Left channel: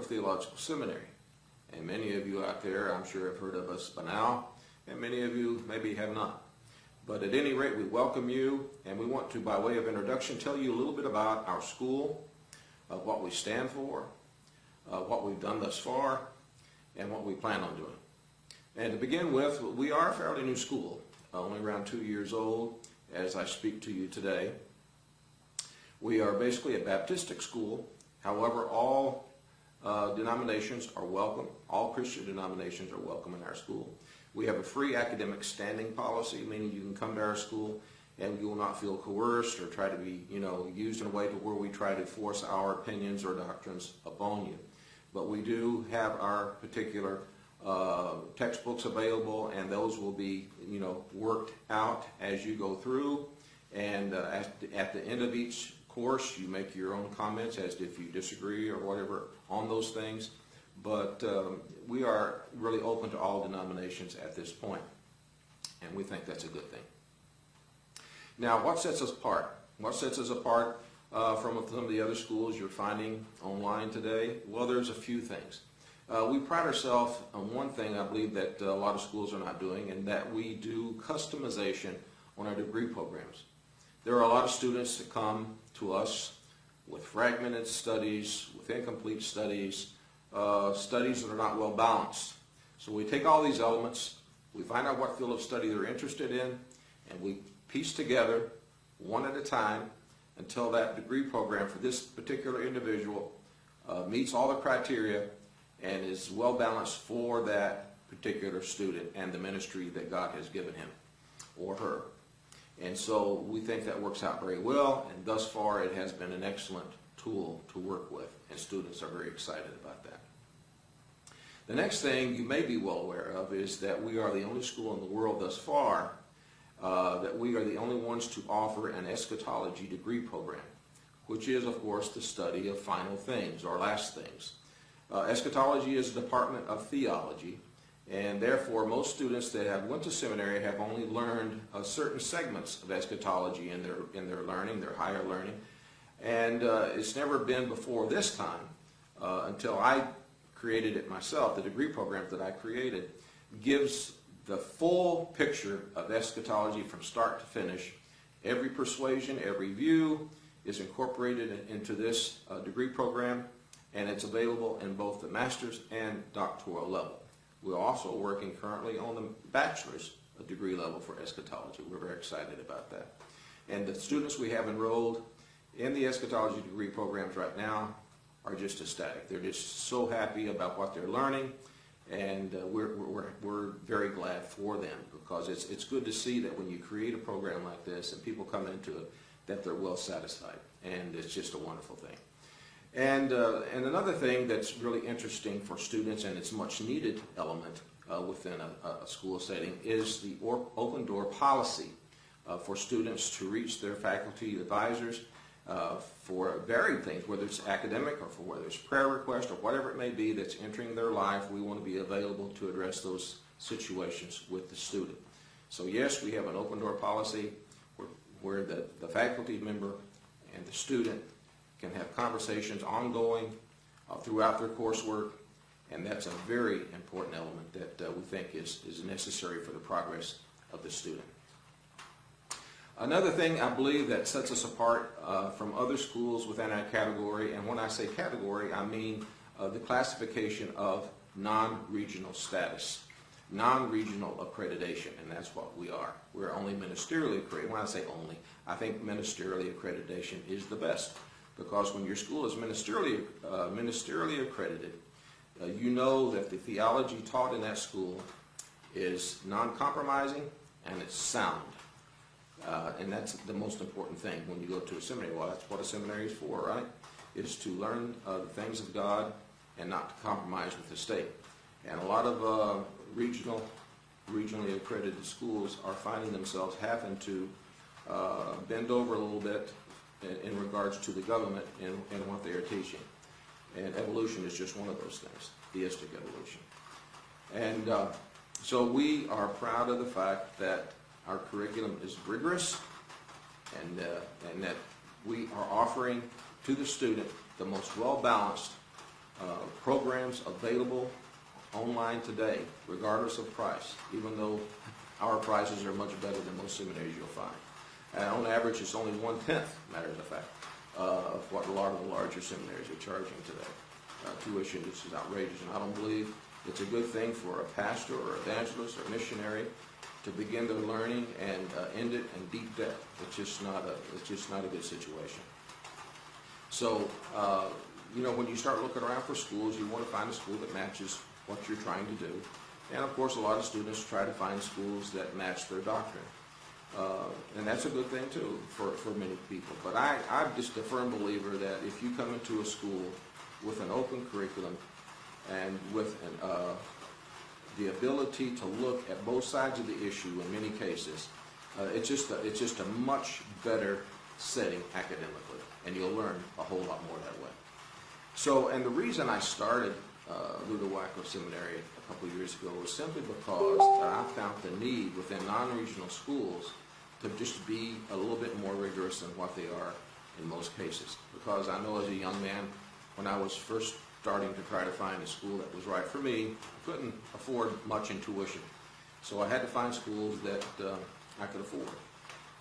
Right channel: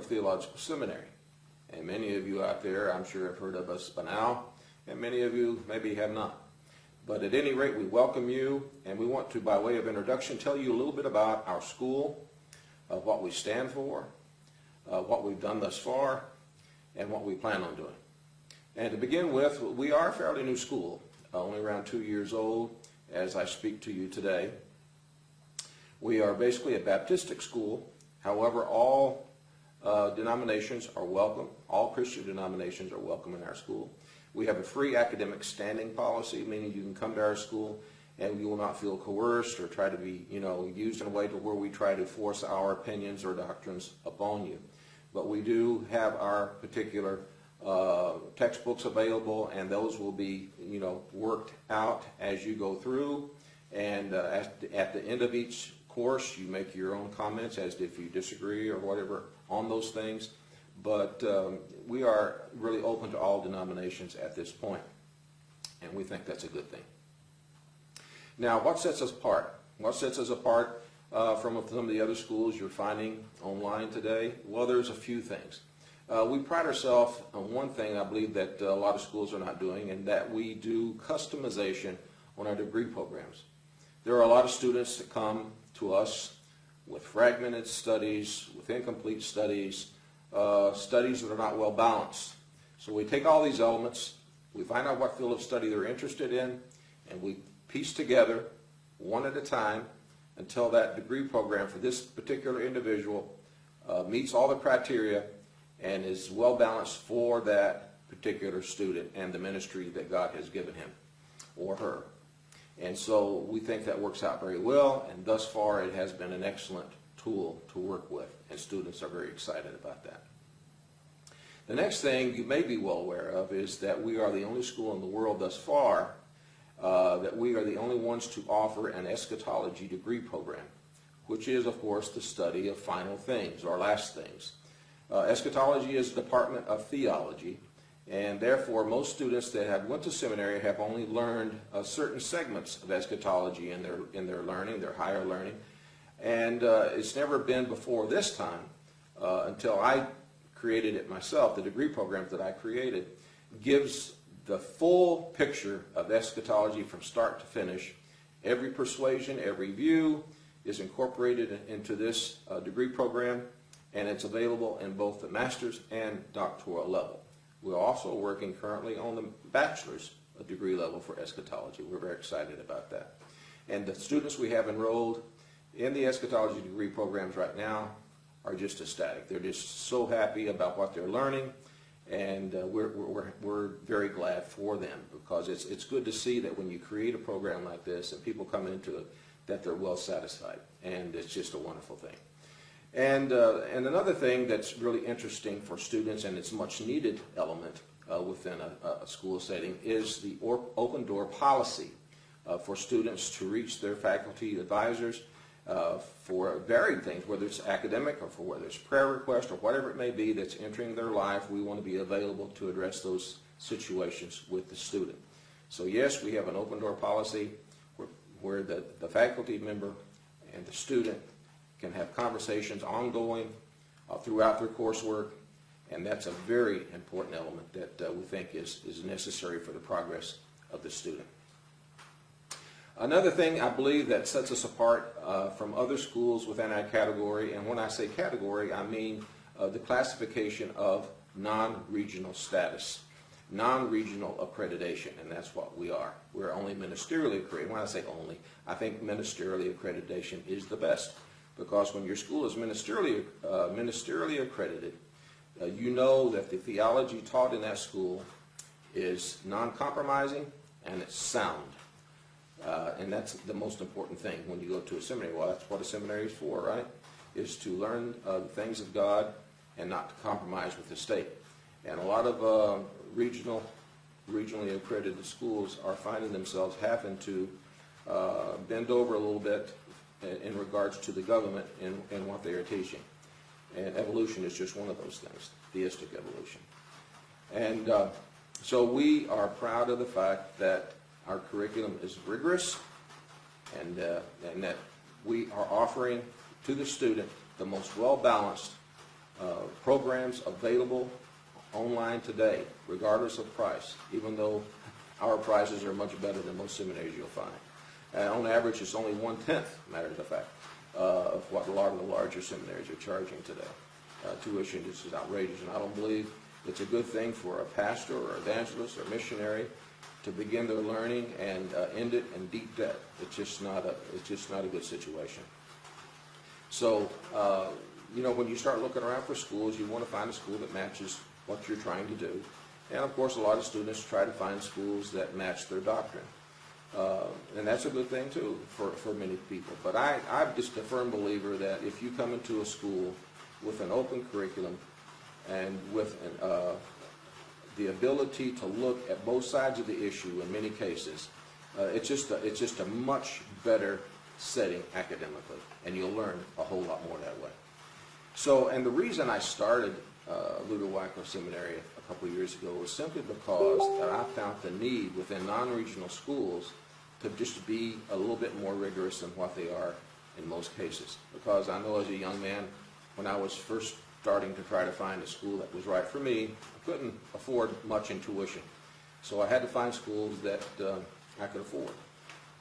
Luder-Wycliffe Theological Seminary. And many of you out there, I'm sure, have heard of us by now, and many of you maybe have not. But at any rate, we welcome you, and we want to, by way of introduction, tell you a little bit about our school, what we stand for, what we've done thus far, and what we plan on doing. And to begin with, we are a fairly new school, only around 2 years old as I speak to you today. We are basically a Baptistic school. However, all denominations are welcome. All Christian denominations are welcome in our school. We have a free academic standing policy, meaning you can come to our school and you will not feel coerced or try to be, used in a way to where we try to force our opinions or doctrines upon you. But we do have our particular textbooks available, and those will be, worked out as you go through. And at the end of each course, you make your own comments as to if you disagree or whatever on those things. But we are really open to all denominations at this point, and we think that's a good thing. Now, what sets us apart? What sets us apart from some of the other schools you're finding online today? Well, there's a few things. We pride ourselves on one thing I believe that a lot of schools are not doing, and that we do customization on our degree programs. There are a lot of students that come to us with fragmented studies, with incomplete studies, studies that are not well balanced. So we take all these elements, we find out what field of study they're interested in, and we piece together one at a time until that degree program for this particular individual meets all the criteria and is well balanced for that particular student and the ministry that God has given him or her. And so we think that works out very well, and thus far it has been an excellent tool to work with, and students are very excited about that. The next thing you may be well aware of is that we are the only school in the world thus far that we are the only ones to offer an eschatology degree program, which is, of course, the study of final things or last things. Eschatology is a department of theology, and therefore most students that have went to seminary have only learned certain segments of eschatology in their learning, their higher learning. And it's never been before this time, until I created it myself. The degree program that I created gives the full picture of eschatology from start to finish. Every persuasion, every view is incorporated into this degree program, and it's available in both the master's and doctoral level. We're also working currently on the bachelor's degree level for eschatology. We're very excited about that. And the students we have enrolled in the eschatology degree programs right now are just ecstatic. They're just so happy about what they're learning, and we're very glad for them, because it's good to see that when you create a program like this and people come into it, that they're well satisfied, and it's just a wonderful thing. And another thing that's really interesting for students, and it's a much needed element within a school setting, is the open door policy for students to reach their faculty advisors for varied things, whether it's academic or for whether it's prayer request or whatever it may be that's entering their life. We want to be available to address those situations with the student. So yes, we have an open door policy where the faculty member and the student can have conversations ongoing throughout their coursework, and that's a very important element that we think is necessary for the progress of the student. Another thing I believe that sets us apart from other schools within our category, and when I say category, I mean the classification of non-regional status, non-regional accreditation, and that's what we are. We're only ministerially accredited. When I say only, I think ministerially accreditation is the best, because when your school is ministerially accredited, you know that the theology taught in that school is non-compromising and it's sound. And that's the most important thing when you go to a seminary. Well, that's what a seminary is for, right? Is to learn the things of God and not to compromise with the state. And a lot of regionally accredited schools are finding themselves having to bend over a little bit in regards to the government and what they are teaching. And evolution is just one of those things, theistic evolution. And so we are proud of the fact that our curriculum is rigorous, and that we are offering to the student the most well-balanced programs available online today, regardless of price, even though our prices are much better than most seminaries you'll find. And on average, it's only 1/10, matters of fact, of what a lot of the larger seminaries are charging today. Tuition just is outrageous, and I don't believe it's a good thing for a pastor or evangelist or missionary to begin their learning and end it in deep debt. It's just not a good situation. So, when you start looking around for schools, you want to find a school that matches what you're trying to do. And of course, a lot of students try to find schools that match their doctrine. And that's a good thing too for many people. But I'm just a firm believer that if you come into a school with an open curriculum and with the ability to look at both sides of the issue in many cases, it's just a much better setting academically, and you'll learn a whole lot more that way. So, and the reason I started Luder-Wycliffe Seminary a couple years ago was simply because I found the need within non-regional schools to just be a little bit more rigorous than what they are in most cases. Because I know as a young man, when I was first starting to try to find a school that was right for me, I couldn't afford much in tuition. So I had to find schools that I could afford.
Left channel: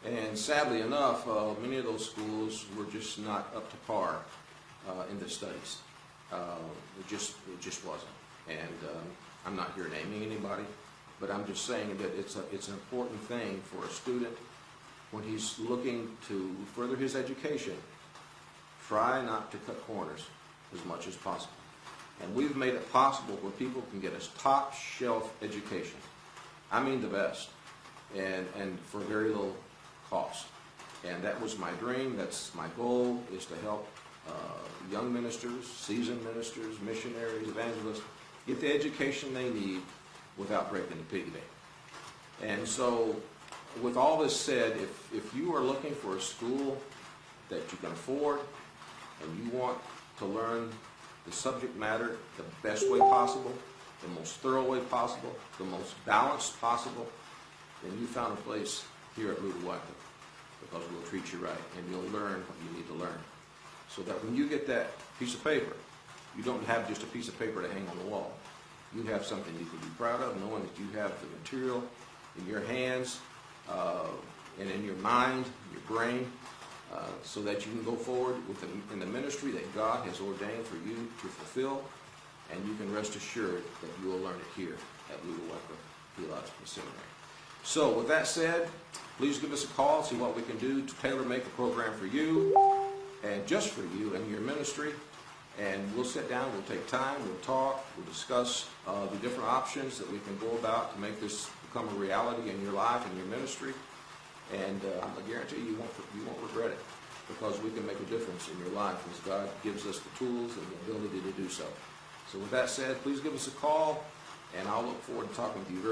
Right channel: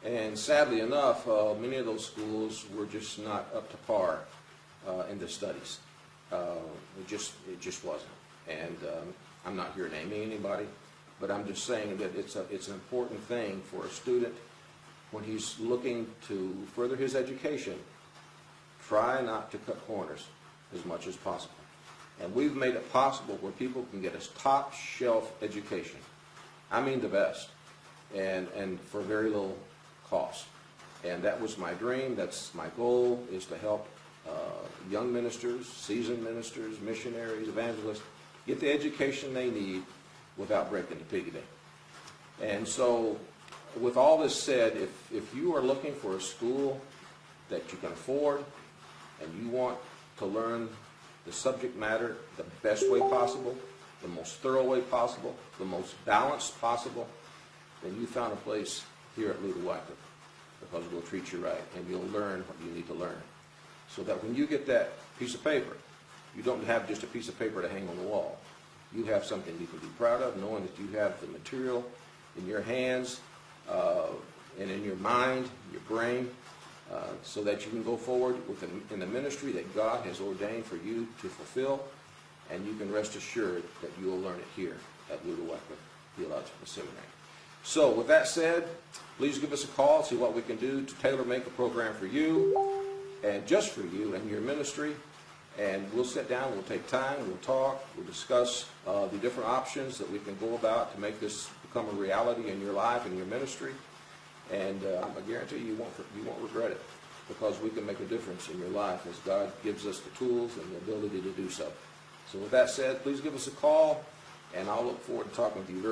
And sadly enough, many of those schools were just not up to par in the studies. It just wasn't. And I'm not here naming anybody, but I'm just saying that it's an important thing for a student when he's looking to further his education. Try not to cut corners as much as possible. And we've made it possible where people can get a top shelf education. I mean the best, and for very little cost. And that was my dream. That's my goal, is to help young ministers, seasoned ministers, missionaries, evangelists get the education they need without breaking the piggy bank. And so, with all this said, if you are looking for a school that you can afford and you want to learn the subject matter the best way possible, the most thorough way possible, the most balanced possible, then you found a place here at Luder-Wycliffe, because we'll treat you right and you'll learn what you need to learn. So that when you get that piece of paper, you don't have just a piece of paper to hang on the wall. You have something you can be proud of, knowing that you have the material in your hands and in your mind, your brain, so that you can go forward in the ministry that God has ordained for you to fulfill, and you can rest assured that you will learn it here at Luder-Wycliffe Theological Seminary. So with that said, please give us a call, see what we can do to tailor-make a program for you, and just for you and your ministry. And we'll sit down, we'll take time, we'll talk, we'll discuss the different options that we can go about to make this become a reality in your life and your ministry. And I guarantee you won't regret it, because we can make a difference in your life as God gives us the tools and the ability to do so. So with that said, please give us a call, and I'll look forward to talking with you very